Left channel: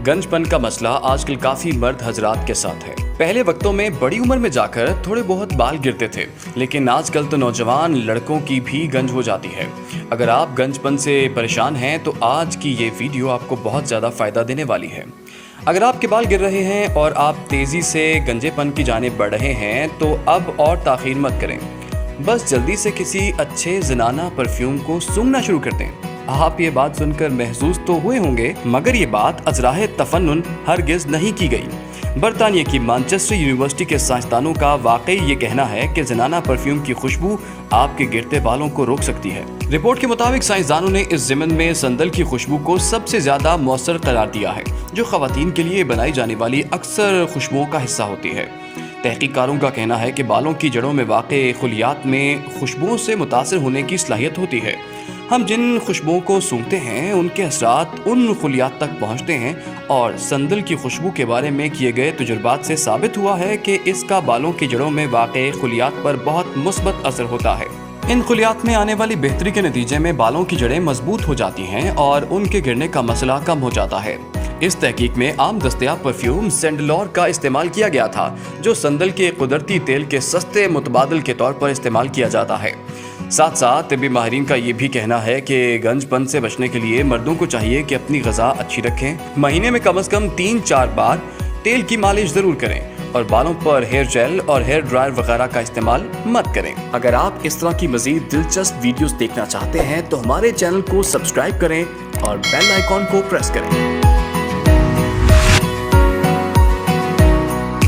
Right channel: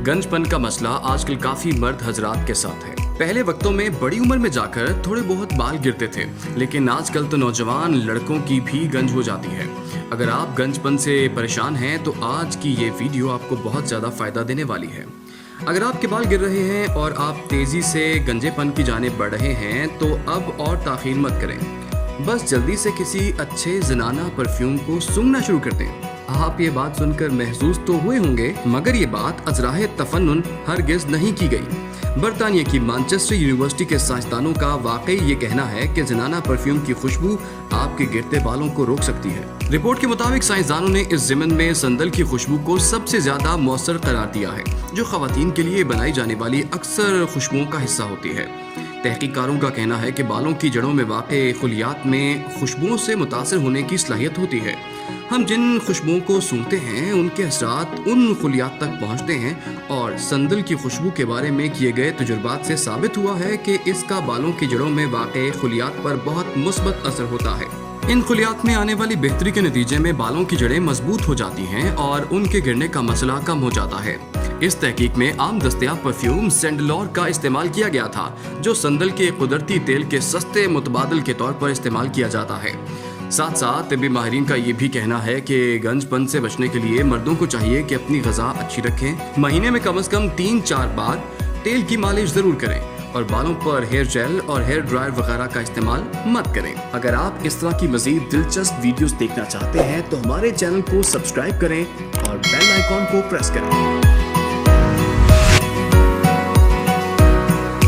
गंजपन का मसला आजकल काफ़ी मर्द हजरात के साथ है। पहले वक्तों में बड़ी उम्र में जाकर थोड़े बहुत बाल गिरते थे, लेकिन आजकल तो नौजवान लड़कों की भी गंज हो जाती है। अगर आप गंजपन से परेशान हैं तो आज की ये वीडियो आपको बहुत ज़्यादा फ़ायदा देने वाली है। अगर आपके बाल गिर रहे हैं और आप तेज़ी से गंजेपन की जानिब बढ़ रहे हैं तो अब और ताख़ीर मत करें, बस जल्दी से किसी अच्छे ज़नाना परफ्यूम को सूंघना शुरू कर दें। आप ये बात सुनकर महसूस तो हुए होंगे, मगर ये बात अजराह तफन्नुन हरगिज़ नहीं की गई। बरतानिया की मैनचेस्टर यूनिवर्सिटी के साइंसदानों का वाकई ये कहना है कि ज़नाना परफ्यूम की खुशबू आपके गिरते बालों को रोक सकती है। रिपोर्ट के मुताबिक साइंसदानों ने इस ज़िमन में संदल की खुशबू को सबसे ज़्यादा मौसर करार दिया है, जो ख़वातीन के लिए बनाई जाने वाली अक्सर खुशबुओं का हिस्सा होती है। तहकीकारों का कहना है कि बालों की जड़ों में वाक़े खुलियात में खुशबुओं से मुतासर होने की सलाहियत होती है। हम जिन खुशबुओं को सूंघते हैं उनके असरात उन खुलियात तक पहुंचते हैं, और संदल की खुशबू के बारे में किए गए तजुर्बात से साबित हुआ है कि इसका बालों की जड़ों में वाक़े खुलियात पर बहुत मुस्बत असर होता है। इन खुलियात में आने वाली बेहतरी के नतीजे में बालों की जड़ें मजबूत हो जाती हैं और उनके गिरने का मसला कम हो जाता है। इस तहकीक में आम दस्तयाब परफ्यूम सैंडलोर का इस्तेमाल किया गया था, जो संदल के कुदरती तेल के सस्ते मुतबादल के तौर पर इस्तेमाल किया जाता है। साथ साथ तिब्बी माहिरीन का ये भी कहना है कि गंजपन से बचने के लिए मर्दों को चाहिए कि अपनी ग़िज़ा अच्छी रखें। महीने में कम से कम 3-4 बार तेल की मालिश ज़रूर करें और बालों पर हेयर जेल और हेयर ड्रायर वगैरह का इस्तेमाल मत करें। अगर आप इस तरह की मज़ीद दिलचस्प वीडियोस देखना चाहते हैं तो हमारे चैनल को सब्सक्राइब करें और बेल आइकॉन को प्रेस करें।